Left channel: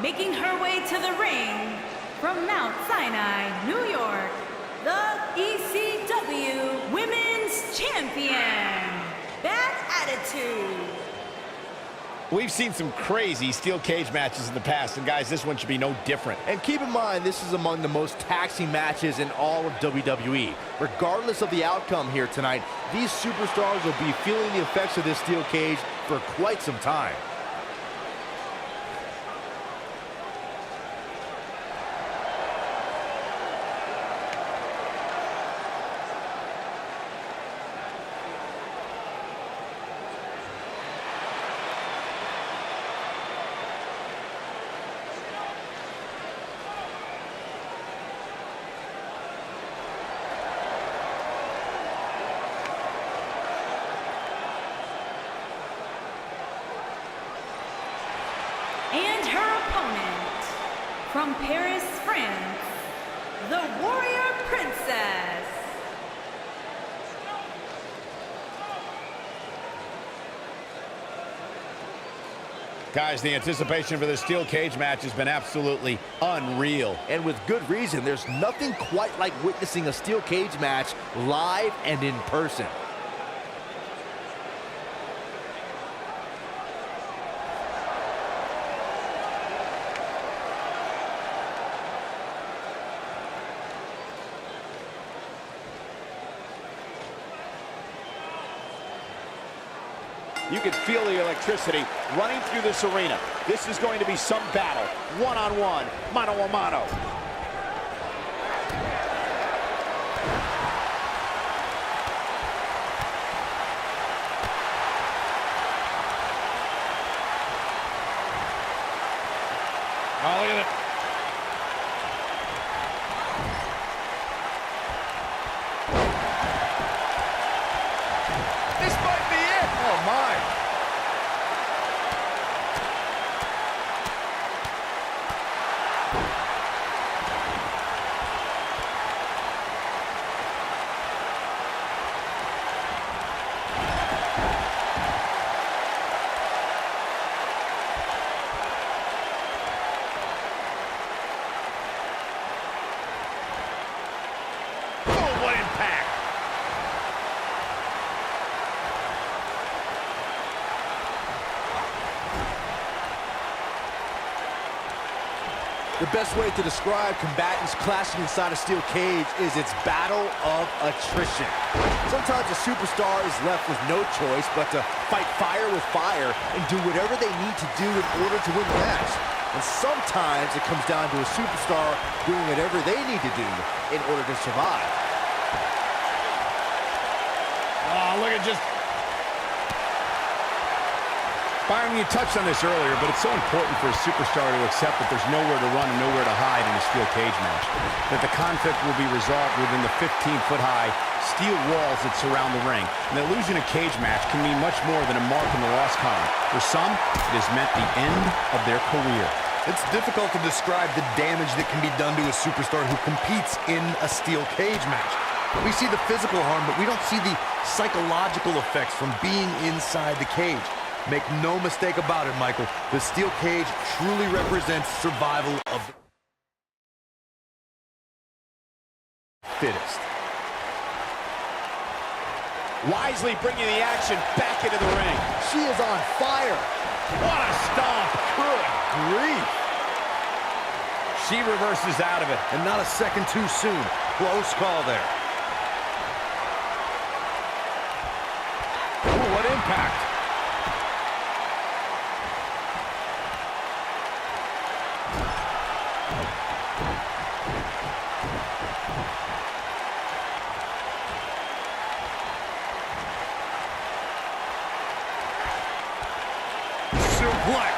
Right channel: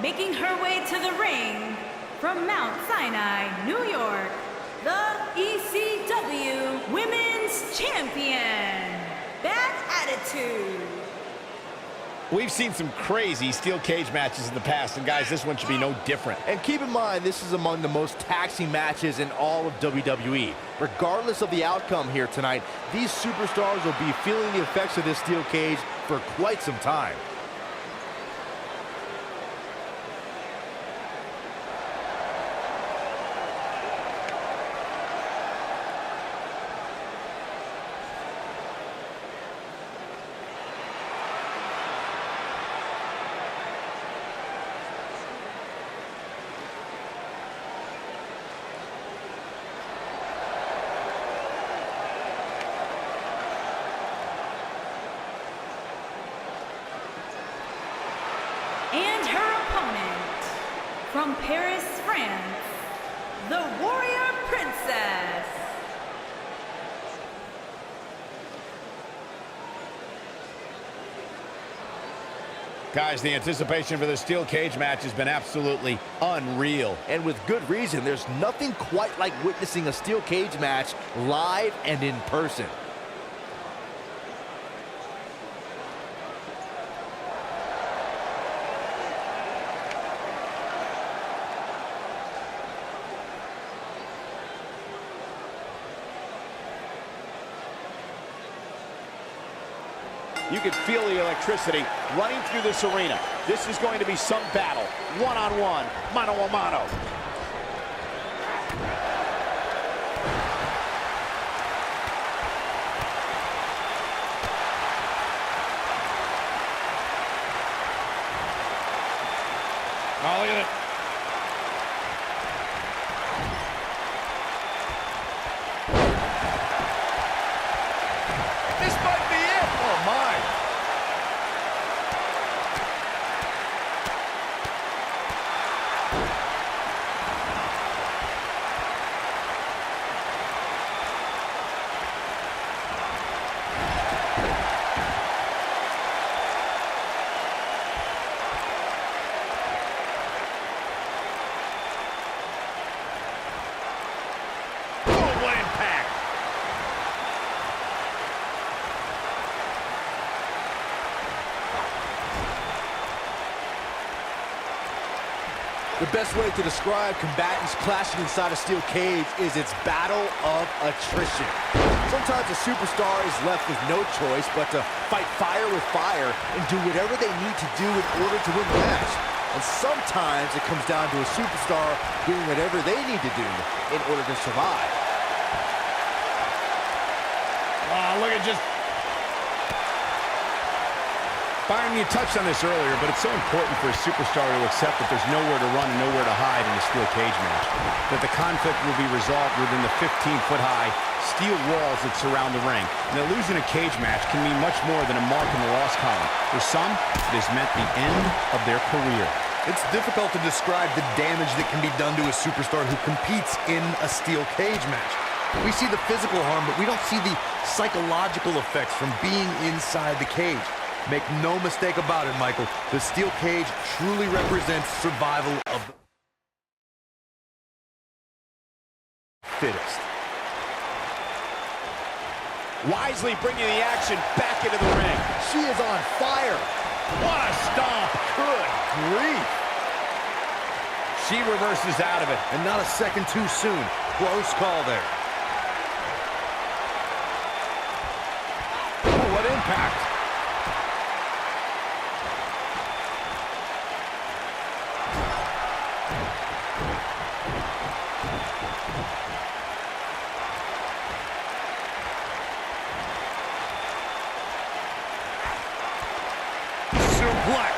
Making her way to the ring from Mount Sinai, New York, the ECW Women's Champion, Bad Attitude. We've seen some crazy steel cage matches in the past, and guys, this one should be no different. And keep in mind, this is among the most taxing matches in all of WWE. Regardless of the outcome here tonight, these superstars will be feeling the effects of this steel cage for quite some time. And her opponent, from Paris, France, the Warrior Princess. Guys, the anticipation for the steel cage match has been absolutely unreal. And with good reason. There's nothing quite like witnessing a steel cage match live and in person. You can feel the electricity running through this arena. This is going to be some battle. One-on-one, mano-a-mano. Oh, look at it. This might be it. Oh, my. Oh, what impact. The best way to describe combatants clashing inside a steel cage is its battle of attrition. Sometimes a superstar is left with no choice but to fight fire with fire and do whatever they need to do in order to win the match. And sometimes it comes down to a superstar doing whatever they need to do in order to survive. Oh, look at just... Byron, you touched on this earlier, but it's so important for a superstar to accept that there's nowhere to run and nowhere to hide in a steel cage match. That the conflict will be resolved within the 15-foot-high steel walls that surround the ring. And that losing a cage match can mean much more than a mark in the loss column. For some, it has meant the end of their career. It's difficult to describe the damage that can be done to a superstar who competes in a steel cage match. We see the physical harm, but we don't see the psychological effects from being inside the cage. Make no mistake about it, Michael. The steel cage truly represents survival of the fittest. Wisely bringing the action back into the ring. She is on fire. What a stomp. Good grief. She reverses out of it. And not a second too soon. Close call there. Oh, what impact. Suplex.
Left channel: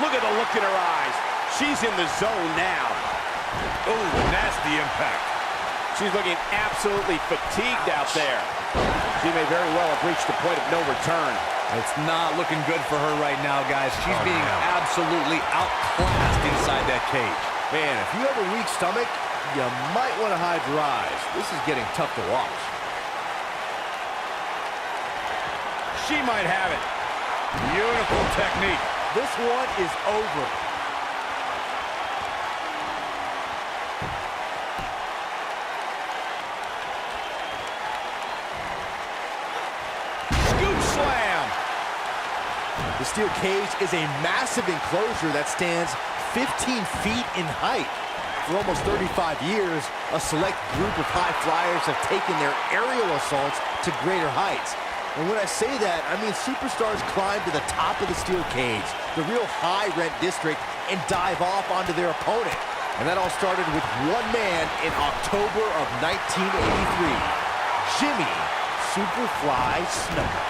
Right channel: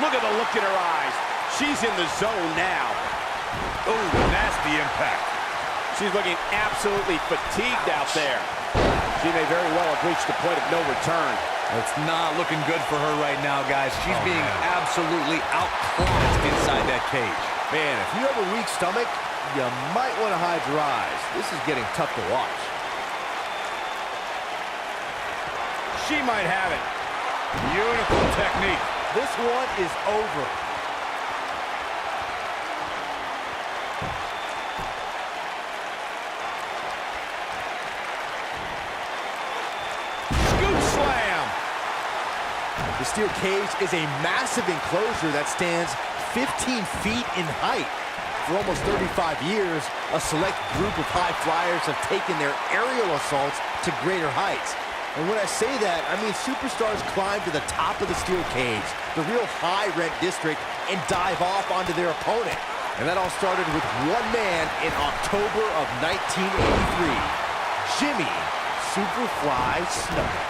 Look at the look in her eyes. She's in the zone now. Oh, nasty impact. She's looking absolutely fatigued out there. She may very well have reached the point of no return. It's not looking good for her right now, guys. She's being absolutely outclassed inside that cage. Man, if you have a weak stomach, you might want to hide your eyes. This is getting tough to watch. She might have it. Beautiful technique. This one is over. Scoop slam. The steel cage is a massive enclosure that stands 15 feet in height. For almost 35 years, a select group of high flyers have taken their aerial assaults to greater heights. And when I say that, I mean superstars climb to the top of the steel cage, the real high-rent district, and dive off onto their opponent. And that all started with one man in October of 1983, Jimmy Superfly Snuka.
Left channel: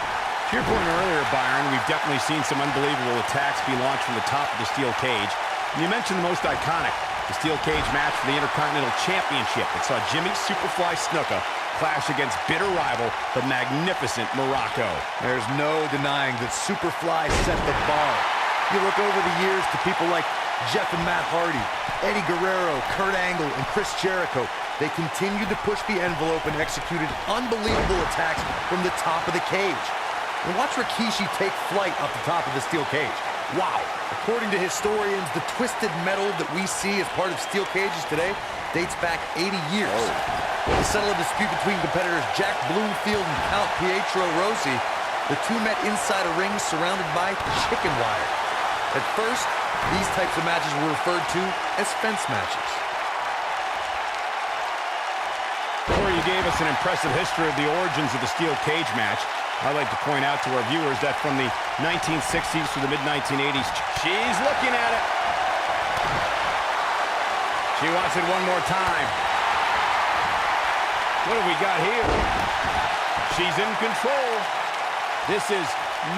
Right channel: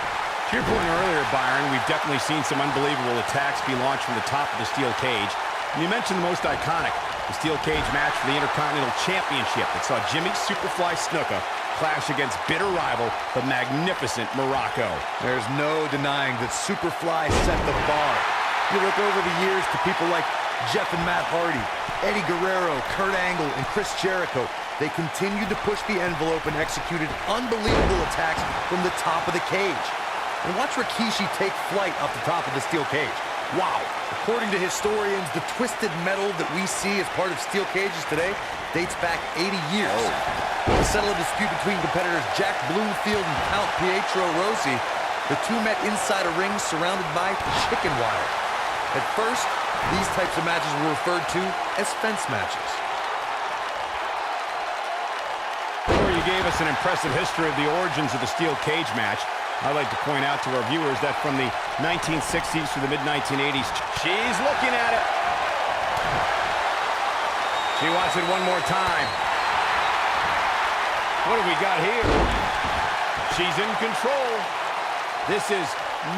To your point earlier, Byron, we've definitely seen some unbelievable attacks be launched from the top of the steel cage. And you mentioned the most iconic, the steel cage match for the Intercontinental Championship that saw Jimmy Superfly Snuka clash against bitter rival, the magnificent Morocco. There's no denying that Superfly set the bar. You look over the years to people like Jeff and Matt Hardy, Eddie Guerrero, Kurt Angle, and Chris Jericho. They continued to push the envelope and executed unbelievable attacks from the top of the cage. And watch Rikishi take flight off the top of the steel cage. Wow. According to historians, the twisted metal that we see as part of steel cages today dates back 80 years. To settle a dispute between competitors Jack Bloomfield and Count Pietro Rossi, the two met inside a ring surrounded by chicken wire. At first, these types of matches were referred to as fence matches. Corey, you gave us an impressive history of the origins of the steel cage match. I'd like to point out to our viewers that from the 1960s to the mid-1980s, she's looking at it. She wants it one more time. What have we got here? She's in control. This is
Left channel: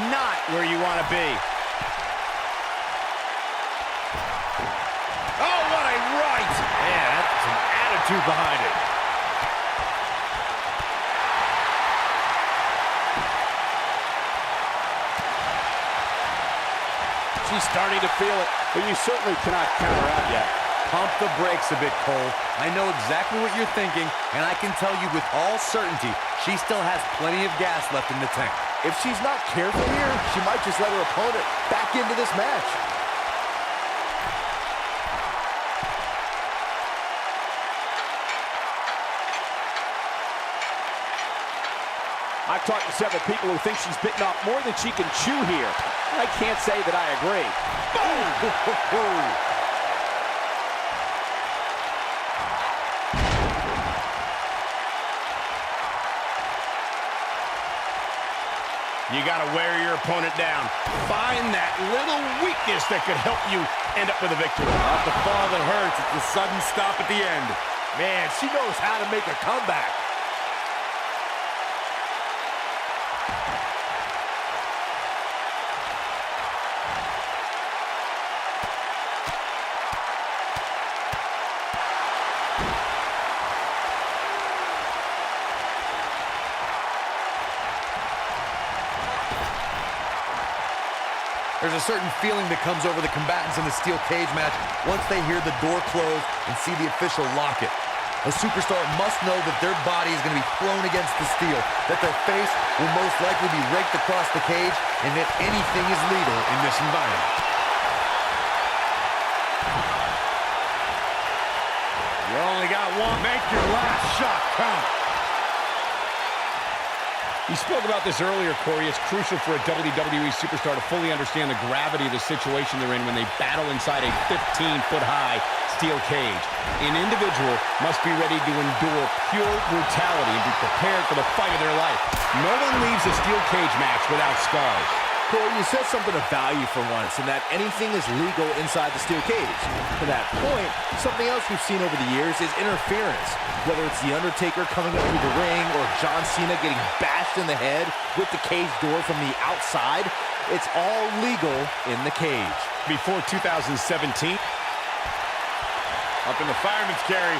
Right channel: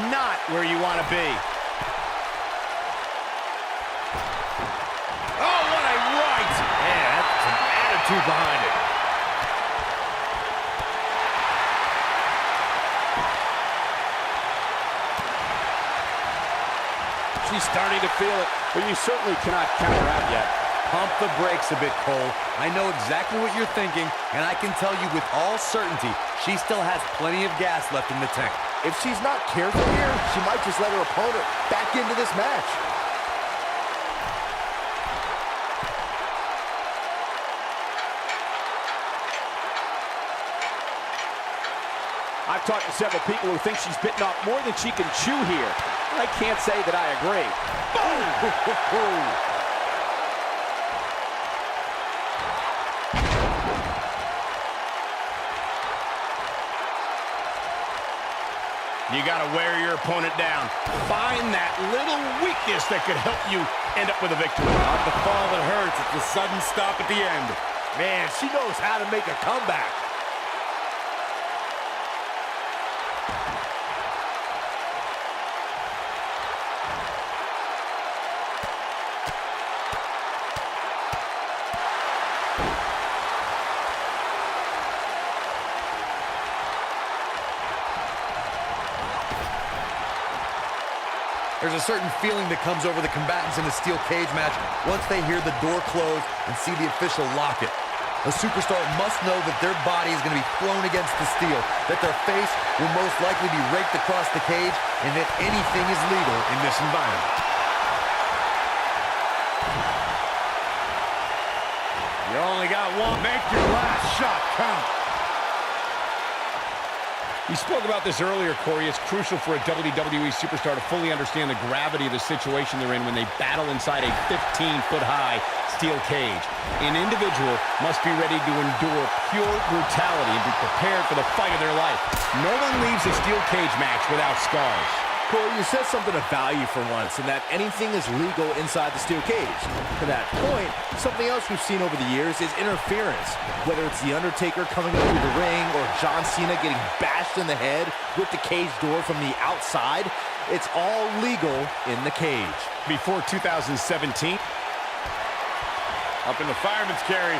not where you want to be. Oh, what a right! Man, that's some attitude behind it. She's starting to feel it, but you certainly cannot count her out yet. Pump the brakes a bit, Cole. I know exactly what you're thinking, and I can tell you with all certainty, she still has plenty of gas left in the tank. If she's not careful here, she might just let her opponent back into this match. I've talked to several people who think she's bitten off more than she can chew here. I can't say that I agree. Boom! You got to wear your opponent down. Find that little weakness that could help you end up with a victory. Not the fall that hurts, it's the sudden stop at the end. Man, she knows how to make a comeback. There's a certain feeling that comes over the combatants in a steel cage match once they hear the door close and see the official lock it. A superstar must know that their body is going to be thrown against the steel, that their face will most likely be raked across the cage, and that anything is legal in this environment. You only got one. Make your last shot count. You spoke about this earlier, Corey. It's crucial for a WWE superstar to fully understand the gravity of the situation they're in when they battle inside a 15-foot-high steel cage. An individual must be ready to endure pure brutality and be prepared for the fight of their life. No one leaves a steel cage match without scars. Corey, you said something of value for once, in that anything is legal inside the steel cage. To that point, something else we've seen over the years is interference. Whether it's The Undertaker coming up through the ring or John Cena getting bashed in the head with the cage door from the outside, it's all legal in the cage. Before 2017, Up in the fireman's carry.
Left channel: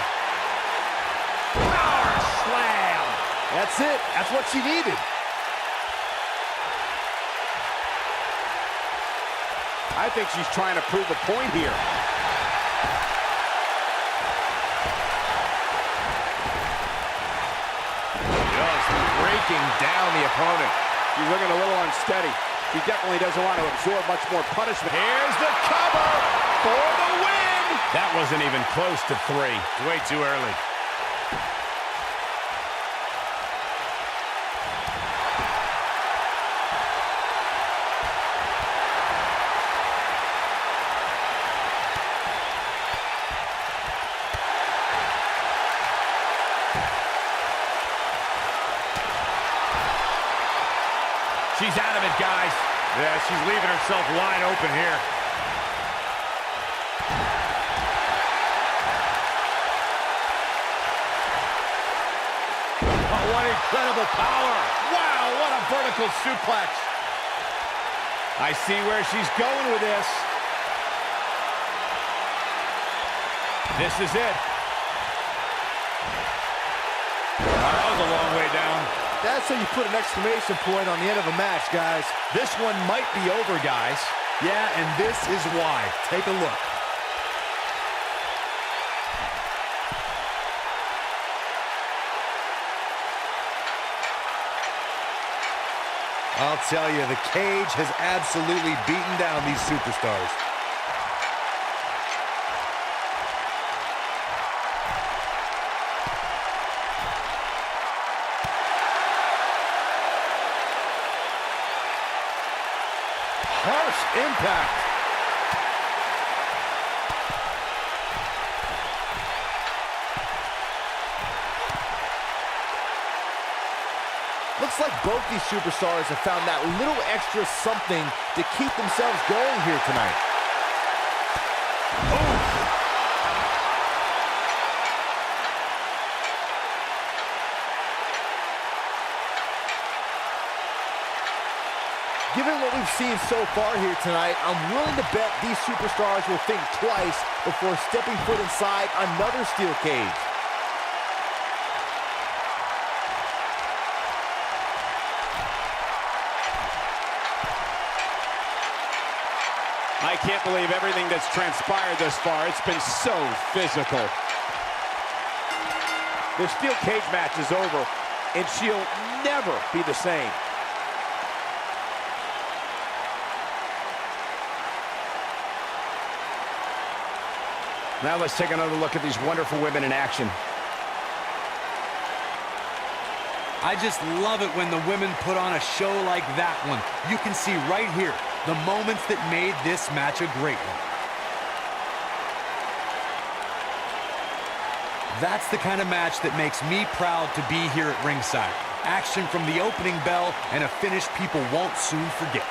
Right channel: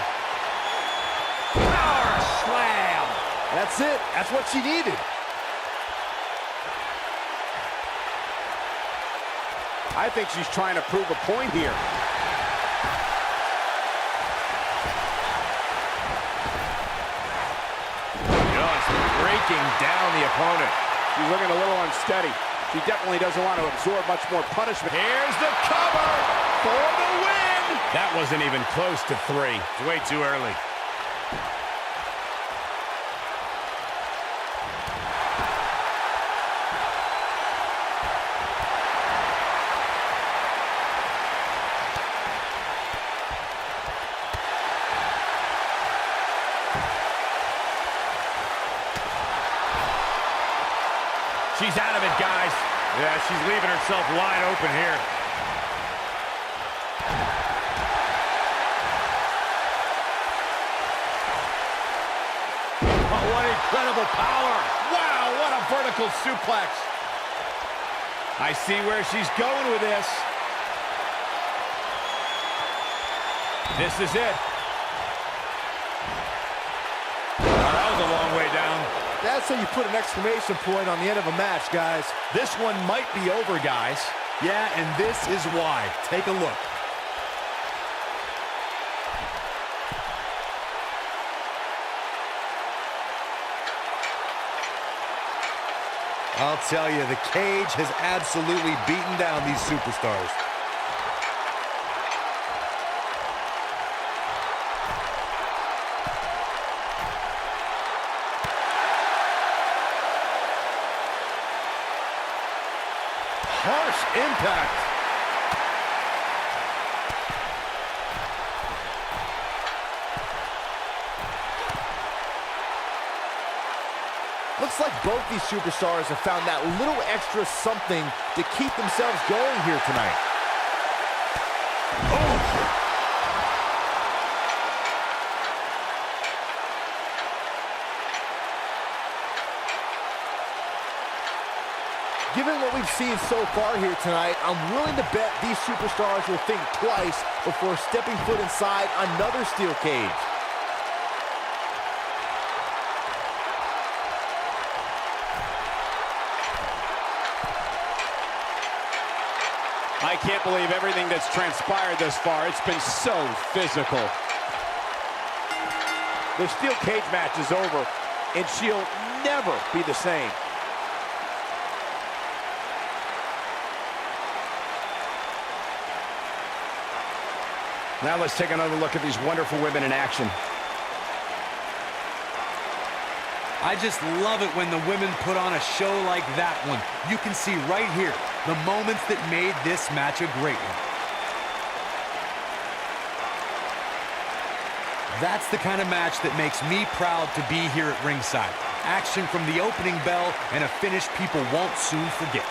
oh, slam. That's it. That's what she needed. I think she's trying to prove a point here. Just breaking down the opponent. She's looking a little unsteady. She definitely doesn't want to absorb much more punishment. Here's the cover for the win. That wasn't even close to 3. It's way too early. She's out of it, guys. Yeah, she's leaving herself wide open here. Oh, what incredible power. Wow, what a vertical suplex. I see where she's going with this. This is it. That was a long way down. That's how you put an exclamation point on the end of a match, guys. This one might be over, guys. Yeah, and this is why. Take a look. I'll tell you, the cage has absolutely beaten down these superstars. Harsh impact. Looks like both these superstars have found that little extra something to keep themselves going here tonight. Oh! Given what we've seen so far here tonight, I'm willing to bet these superstars will think twice before stepping foot inside another steel cage. I can't believe everything that's transpired thus far. It's been so physical. The steel cage match is over, and she'll never be the same. Now let's take another look at these wonderful women in action. I just love it when the women put on a show like that one. You can see right here the moments that made this match a great one. That's the kind of match that makes me proud to be here at ringside. Action from the opening bell and a finish people won't soon forget.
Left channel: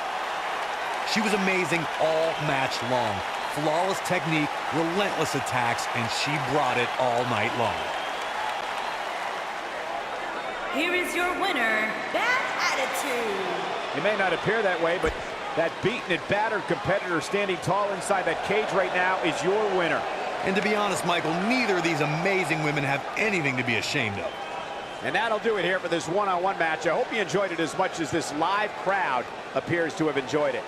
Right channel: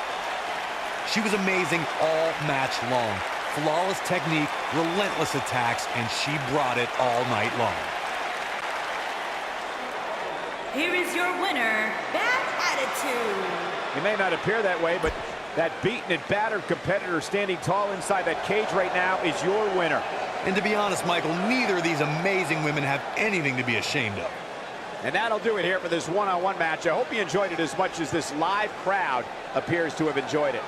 She was amazing all match long. Flawless technique, relentless attacks, and she brought it all night long. Here is your winner, Bad Attitude. It may not appear that way, but that beaten and battered competitor standing tall inside that cage right now is your winner. And to be honest, Michael, neither of these amazing women have anything to be ashamed of. And that'll do it here for this one-on-one match. I hope you enjoyed it as much as this live crowd appears to have enjoyed it.